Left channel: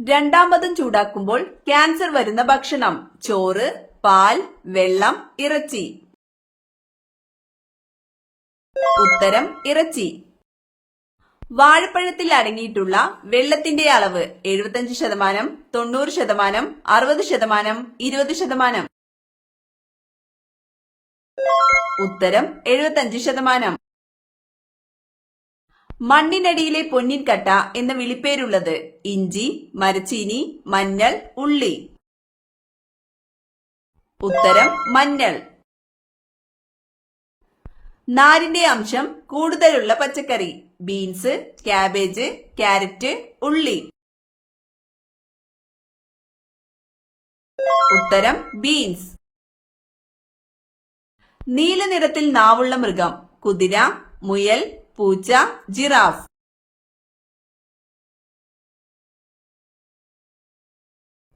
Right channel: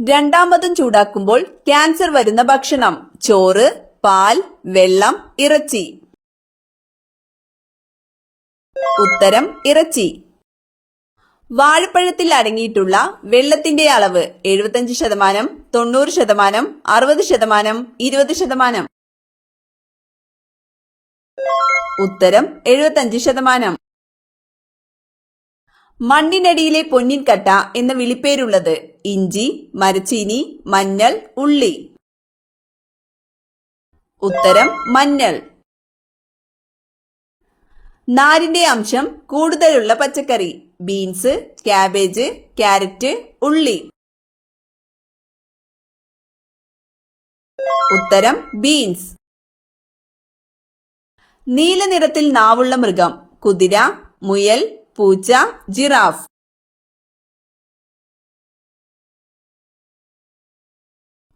രണ്ടാമതും ചൂടാക്കുമ്പോൾ ക്യാൻസർ വരുന്ന ഭക്ഷണം: ചോറ്, പാൽ, വെള്ളം, ഇറച്ചി. ഉത്തരം ഇറച്ചി. വാഴപ്പഴത്തിൽ അടങ്ങിയിട്ടുള്ള വെള്ളത്തിന്റെ അളവ്: 75%, 90%, 60%, 20%. ഉത്തരം 75%. മണ്ണിനടിയിലെ പൊന്നിൻ കട്ട എന്ന വിളിപ്പേരുള്ളത്: ഇഞ്ചി, മരച്ചീനി, മഞ്ഞൾ, ഉള്ളി. ഉത്തരം മഞ്ഞൾ. നാരിന്റെ അംശം കൂടുതലുള്ള പച്ചക്കറി: ബീൻസ്, ക്യാബേജ്, ക്യാരറ്റ്, ഉള്ളി. ഉത്തരം ബീൻസ്. നീല നിറത്തിൽ നാവുള്ള മൃഗം: കുതിര, മുയൽ, പൂച്ച, ജിറാഫ്.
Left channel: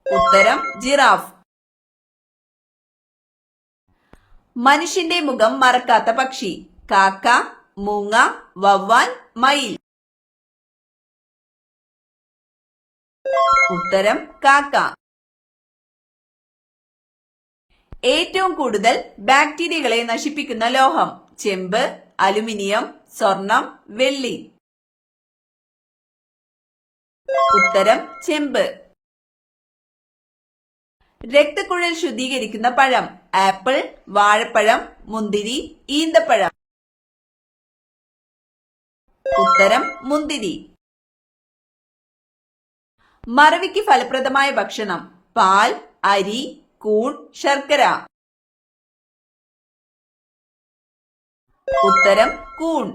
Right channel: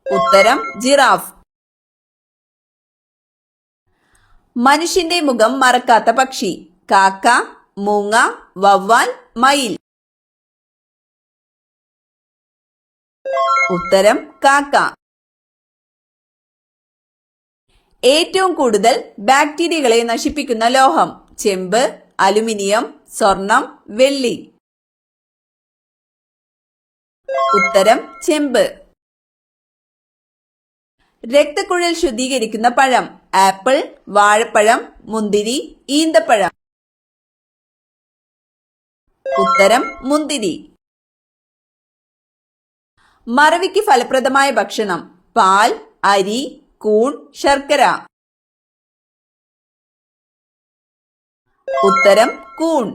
ഉത്തരം ജിറാഫ്. മനുഷ്യന്റെ മുഖം മറക്കാത്ത പക്ഷി: കാക്ക, മൂങ്ങ, വവ്വാൽ, മയിൽ. ഉത്തരം കാക്ക. ഏറ്റവും കൂടുതൽ ബാക്ടീരിയകളെ നശിപ്പിക്കുന്ന ലോഹം: ചെമ്പ്, അലുമിനിയം, സ്വർണം, വെള്ളി. ഉത്തരം ചെമ്പ്. രക്തക്കുഴൽ ശുദ്ധീകരിക്കുന്ന പഴം: ആപ്പിൾ, വാഴപ്പഴം, മുന്തിരി, ഈന്തപ്പഴം. ഉത്തരം മുന്തിരി. മറവിക്ക് ഫലപ്രദമായ ഭക്ഷണം: പാൽ, അരി, കൂൺ, ശർക്കര. ഉത്തരം കൂൺ.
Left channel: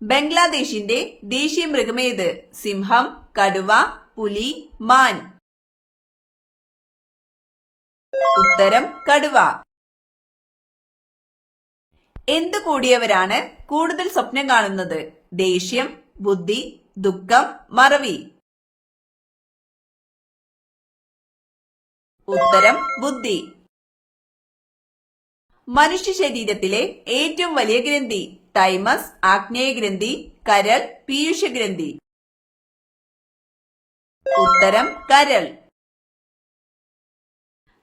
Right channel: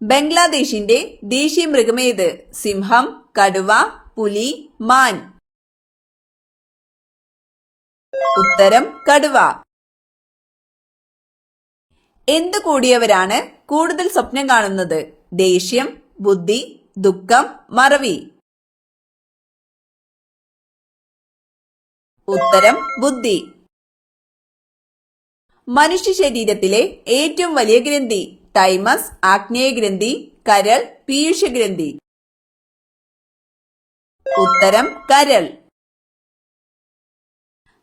ബംഗ്ലാദേശിന്റെ ദേശീയ മൃഗമേത്? സിംഹം, കടുവ, പുലി, മാൻ. ഉത്തരം കടുവ. എന്തു കൂടിയവരാണ് കൂടുതൽ സ്വപ്നം കാണുന്നത്? ദേഷ്യം, ബുദ്ധി, ദുഃഖം, മറവി. ഉത്തരം ബുദ്ധി. മനുഷ്യ ശരീരത്തിലെ ഏറ്റവും വലിയ ഗ്രന്ഥി: തൈമസ്, ആഗ്നേയഗ്രന്ഥി, കരൾ, പീയൂഷഗ്രന്ഥി. ഉത്തരം കരൾ.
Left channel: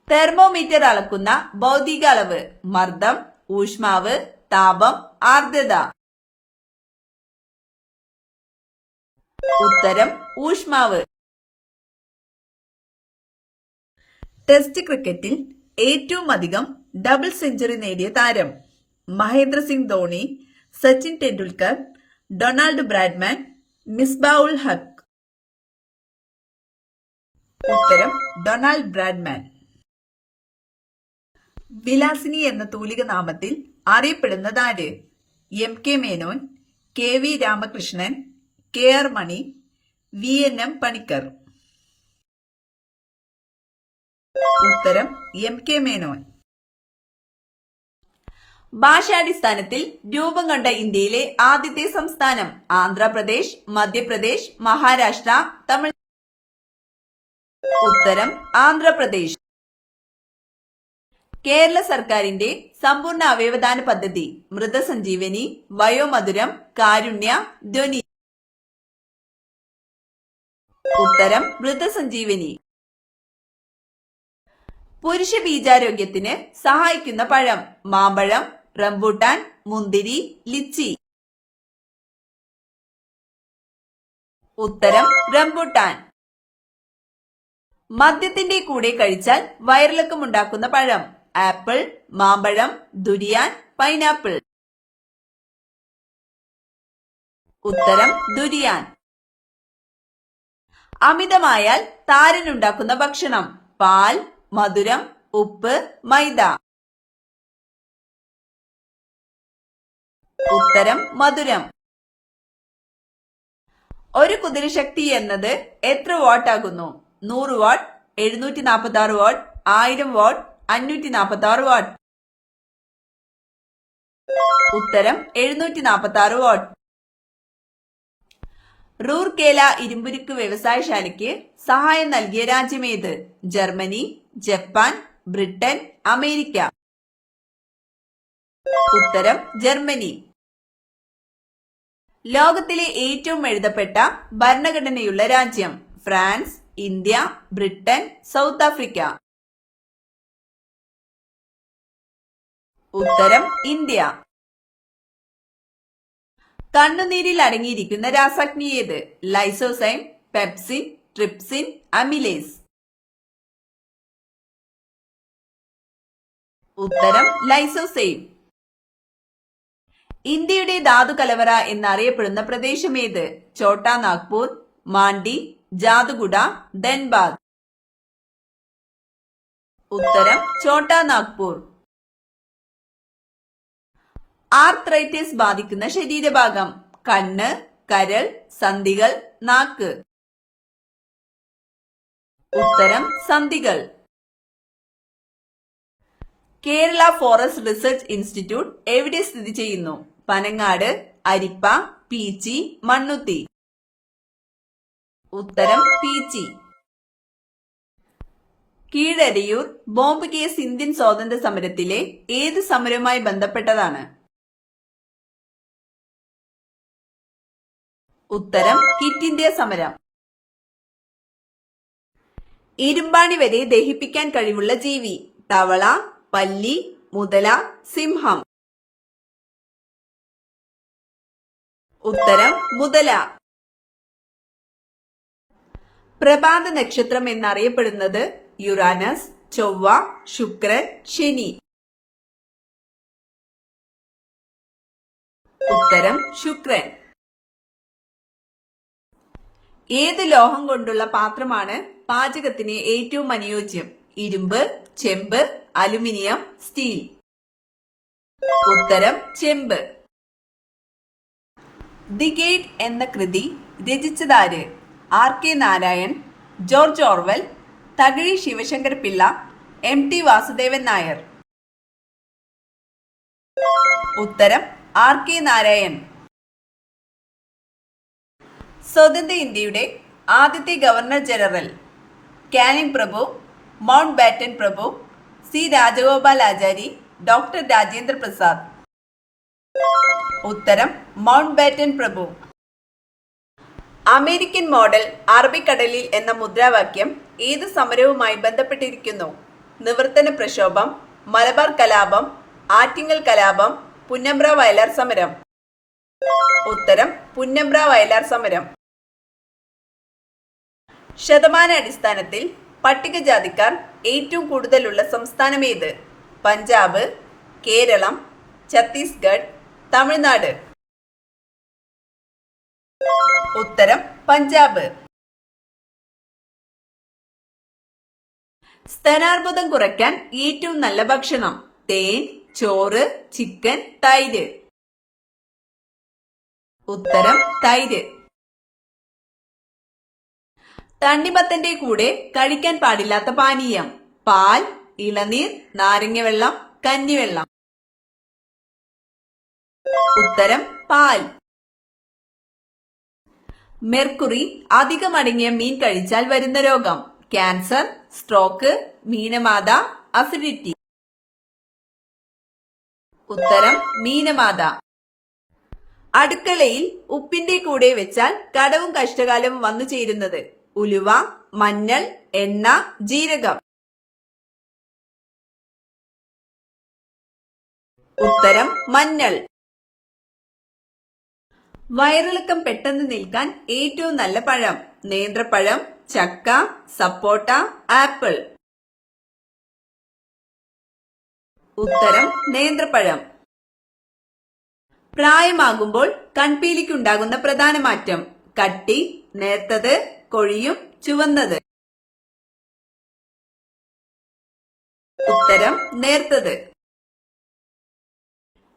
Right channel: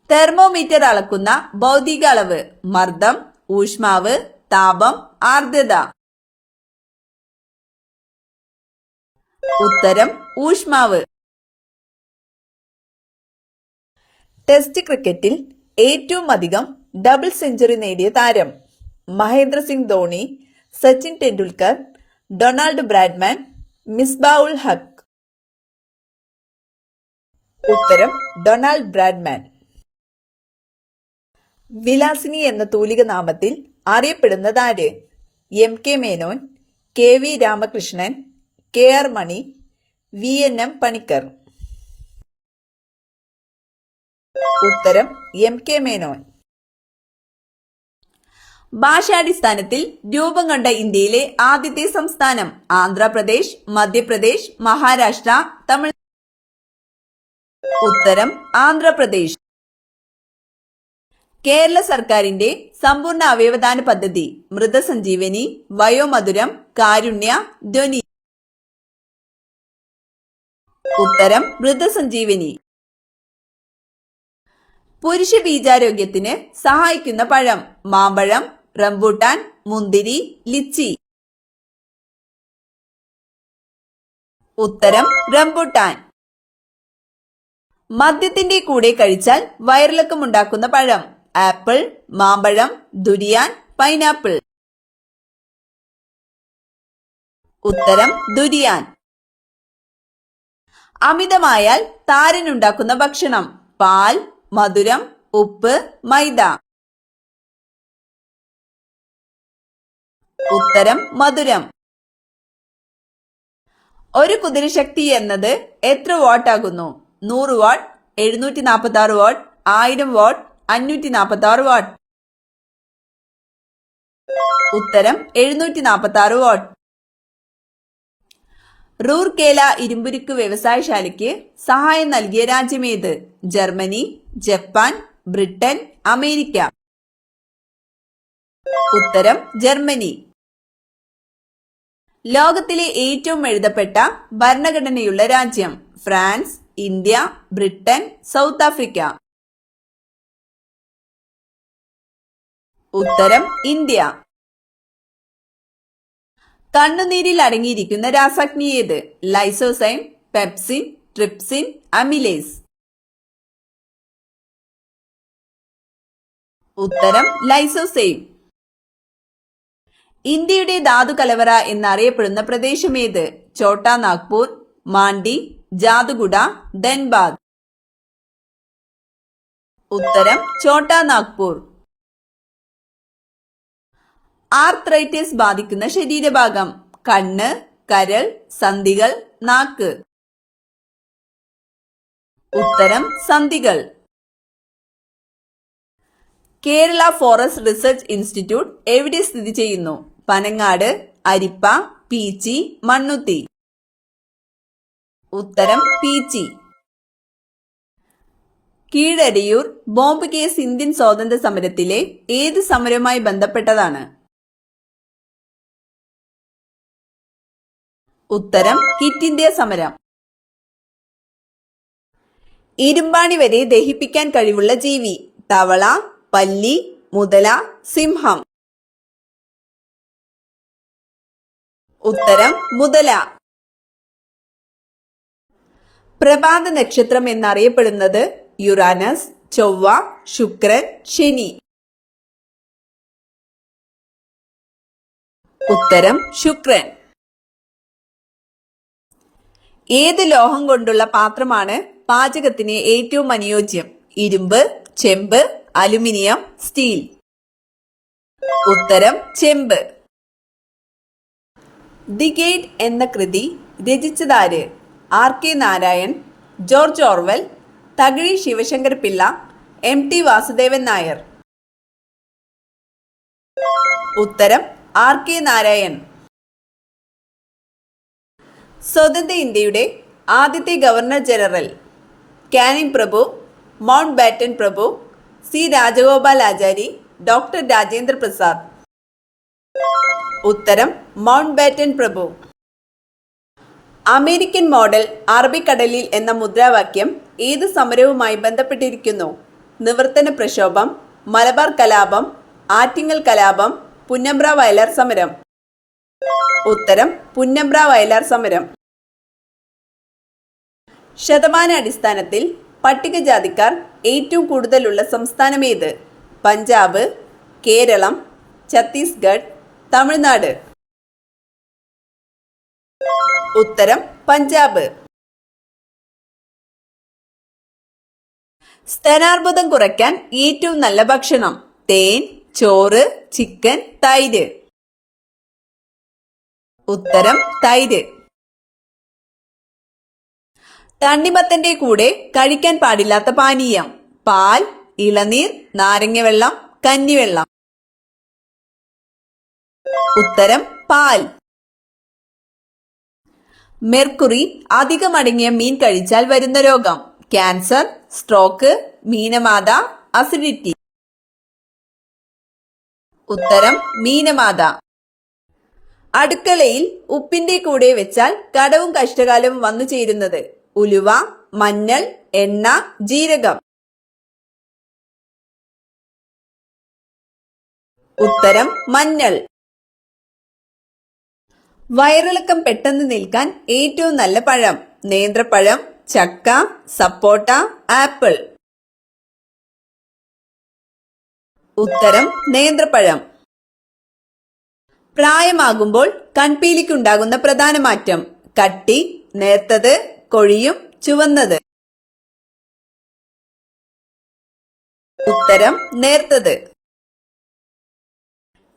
തെർമോമീറ്റർ അളക്കുന്ന ഭൗതിക അളവ്: മർദ്ദം, ഊഷ്മാവ്, താപം, ആർദ്രത. ഉത്തരം ഊഷ്മാവ്. ടെസ്റ്റ് ക്രിക്കറ്റിൽ ഏറ്റവും അധികം ഡബിൾ സെഞ്ചുറി നേടിയ താരം: മഹേന്ദ്ര സിംഗ് ധോണി, സച്ചിൻ ടെണ്ടുൽക്കർ, ഡൊണാൾഡ് ബ്രാഡ്മാൻ, മിസ്ബാഉൽ ഹക്ക്. ഉത്തരം ഡൊണാൾഡ് ബ്രാഡ്മാൻ. വിലാസിനി എന്ന തൂലിക നാമത്തിൽ അറിയപ്പെടുന്നതാര്? MK Menon, KV Ramakrishnan, KR മണി, VNM പണിക്കർ. ഉത്തരം MK മേനോൻ. ഭാഷാടിസ്ഥാനത്തിൽ രൂപം കൊണ്ട ഇന്ത്യയിലെ ആദ്യത്തെ സംസ്ഥാനം: ആന്ധ്രാപ്രദേശ്, മധ്യപ്രദേശ്, മഹാരാഷ്ട്ര, തമിഴ്നാട്. ഉത്തരം ആന്ധ്രാപ്രദേശ്. കേരള സർക്കാരിന്റെ സമ്പൂർണ്ണ അവയവദാന പദ്ധതി: മൃതസഞ്ജീവനി, വയോമധുരം, കാരുണ്യ, ധ്വനി. ഉത്തരം മൃതസഞ്ജീവനി. പുരുഷ ബീജാരോഗ്യത്തിന് സഹായിക്കുന്ന പഴം: മാമ്പഴം, റംബൂട്ടാൻ, മുന്തിരി, ലിച്ചി. ഉത്തരം റംബൂട്ടാൻ. മദ്യത്തിന്റെ കൂടെ കഴിച്ചാൽ വയറിളക്കമുണ്ടാക്കുന്ന പഴം: ആപ്പിൾ, മാമ്പഴം, ദുരിയാൻ, പൈനാപ്പിൾ. ഉത്തരം ദുരിയാൻ. അമിതമായാൽ താരനുണ്ടാക്കുന്ന ഭക്ഷണം: പാൽ, മധുരം, ഉപ്പ്, മൈദ. ഉത്തരം മധുരം. ഒരു കുതിരശക്തി എന്നത് എത്ര വാട്ട് ആകുന്നു? 100 വാട്ട്, 746 വാട്ട്, 1000 വാട്ട്, 546 വാട്ട്. ഉത്തരം 746 വാട്ട്. റൂർക്കേല ഇരുമ്പുരുക്ക് വ്യവസായശാലയ്ക്ക് സഹായം നൽകിയ രാജ്യമേത്? Germany, Japan, Britain, America. ഉത്തരം ജർമ്മനി. ലോകത്തിലെ ഏറ്റവും എഴുതപ്പെട്ട ഭരണഘടനയുള്ള രാജ്യം? France, India, Britain, South Africa. ഉത്തരം ഇന്ത്യ. കണ്ണുനീരിൽ അടങ്ങിയിരിക്കുന്ന രാസാഗ്നി ഏത്? Lysozyme, pepsin, trypsin, amylase. ഉത്തരം ലൈസോസൈം. ഇന്ത്യയുടെ ധാതു കലവറ എന്നറിയപ്പെടുന്ന പ്രദേശം ഏത്? ഛോട്ടാ നാഗ്പൂർ, മാണ്ഡി, ജാദുഗുഡ, ധൻബാദ്. ഉത്തരം ഛോട്ടാ നാഗ്പൂർ. ആർത്രൈറ്റിസ് ബാധിക്കുന്ന ശരീരഭാഗം? കണ്ണ്, കരൾ, സന്ധികൾ, നാക്ക്. ഉത്തരം സന്ധികൾ. കേരള ഫോറസ്റ്റ് റിസർച്ച് ഇൻസ്റ്റിറ്റ്യൂട്ട് എവിടെ സ്ഥിതി ചെയ്യുന്നു? പനങ്ങാട്, അരിപ്പ, പീച്ചി, മണ്ണുത്തി. ഉത്തരം Peechi. Keezhariyur bomb case Indian സ്വാതന്ത്ര്യ സമരത്തിലെ ഏത് സമരവുമായി ബന്ധപ്പെട്ടതാണ്? ഉത്തരം ക്വിറ്റ് ഇന്ത്യ സമരം. ഇരുമ്പാണി വരെ ദഹിപ്പിക്കാൻ കഴിവുള്ള ജീവി? തവള, പല്ലി, മുതല, സിംഹം. ഉത്തരം മുതല. പ്രഭാത നക്ഷത്രം എന്നറിയപ്പെടുന്നത്? യുറാനസ്, ചൊവ്വ, ശുക്രൻ, ശനി. ഉത്തരം ശുക്രൻ. ഏത് ലോഹം കൊണ്ടുള്ള പാത്രമാണ് പാചകത്തിന് ഏറ്റവും അനുയോജ്യം? ഇരുമ്പ്, ചെമ്പ്, അലുമിനിയം, സ്റ്റീൽ. ഉത്തരം ചെമ്പ്. ദി ഗേറ്റ് എന്ന കൃതി രചിച്ചതാര്? R K. Narayan, George Orwell, Thakazhi Sivasankar Pillai, M T. Vasudevan Nair. ഉത്തരം ആർ.കെ. നാരായൺ. സ്വതന്ത്ര ഇന്ത്യയുടെ ആദ്യത്തെ ഗവർണർ ജനറൽ? കാനിംഗ് പ്രഭു, മൗണ്ട് ബാറ്റൻ പ്രഭു, സി രാജഗോപാലാചാരി, ഡോക്ടർ രാജേന്ദ്ര പ്രസാദ്. ഉത്തരം മൗണ്ട് ബാറ്റൻ പ്രഭു. അമേരിക്കൻ മോഡൽ അറബിക്കടലിൽ എന്ന മുദ്രാവാക്യം ഏത് സമരവുമായി ബന്ധപ്പെട്ടിരിക്കുന്നു? നിവർത്തന പ്രക്ഷോഭം, മലബാർ കലാപം, ആറ്റിങ്ങൽ കലാപം, പുന്നമ്പ്ര വയലാർ സമരം. ഉത്തരം പുന്നമ്പ്ര വയലാർ സമരം. ശതമാനാടിസ്ഥാനത്തിൽ പട്ടികജാതിക്കാർ ഏറ്റവും കൂടുതലുള്ള സംസ്ഥാനം ഏത്? പഞ്ചാബ്, കേരളം, ഛത്തീസ്ഗഡ്, തമിഴ്നാട്. ഉത്തരം പഞ്ചാബ്. സ്തനാർബുദം കുറയ്ക്കാൻ ഏറ്റവും നല്ല ഭക്ഷണം? തേൻ, ചോറ്, ചിക്കൻ, തൈര്. ഉത്തരം തൈര്. തണ്ണിമത്തന്റെ കൂടെ കഴിക്കാൻ പാടില്ലാത്ത പാനീയം? പാൽ, ഇളനീർ, നാരങ്ങവെള്ളം, കഞ്ഞിവെള്ളം. ഉത്തരം പാൽ. മെർക്കുറി അധികമടങ്ങിയ മീൻ കഴിച്ചാൽ വരുന്ന രോഗം? Cancer, stroke, മീനമാത, acidity. ഉത്തരം മീനമാത. അടുക്കളയിൽ ഉപ്പിന്റെ കൂടെ വെച്ചാൽ കടവും കഷ്ടകാലവും വന്നു ചേരുന്നത്? ഉലുവ, മഞ്ഞൾ, എണ്ണ, ജീരകം. ഉത്തരം മഞ്ഞൾ. വയറിളക്കം പെട്ടെന്ന് നിൽക്കാൻ ഏറ്റവും നല്ല പഴം? നേന്ത്രപ്പഴം, ചക്ക, സപ്പോട്ട, ആപ്പിൾ. ഉത്തരം നേന്ത്രപ്പഴം. പ്രായമാകുമ്പോൾ കൺപീലിക്കുണ്ടാകുന്ന പ്രധാന മാറ്റം? കട്ടി, നേർത്തത്, കൊഴിയും, ചുവന്നത്. ഉത്തരം നേർത്തത്.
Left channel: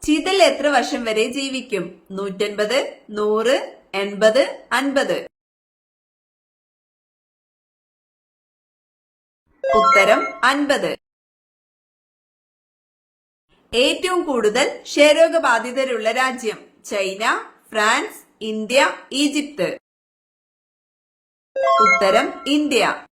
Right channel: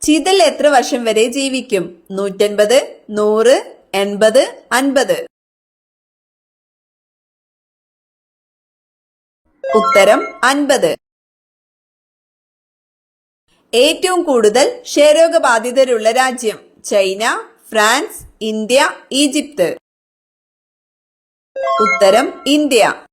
ചിതൽ എത്ര വർഷം വരെ ജീവിക്കും? 150, 100, 80, 50. ഉത്തരം 50. ഏറ്റവും കൂടുതൽ ക്ഷയരോഗബാധിതരുള്ള രാജ്യം? China, France, India, Egypt. ഉത്തരം ഇന്ത്യ.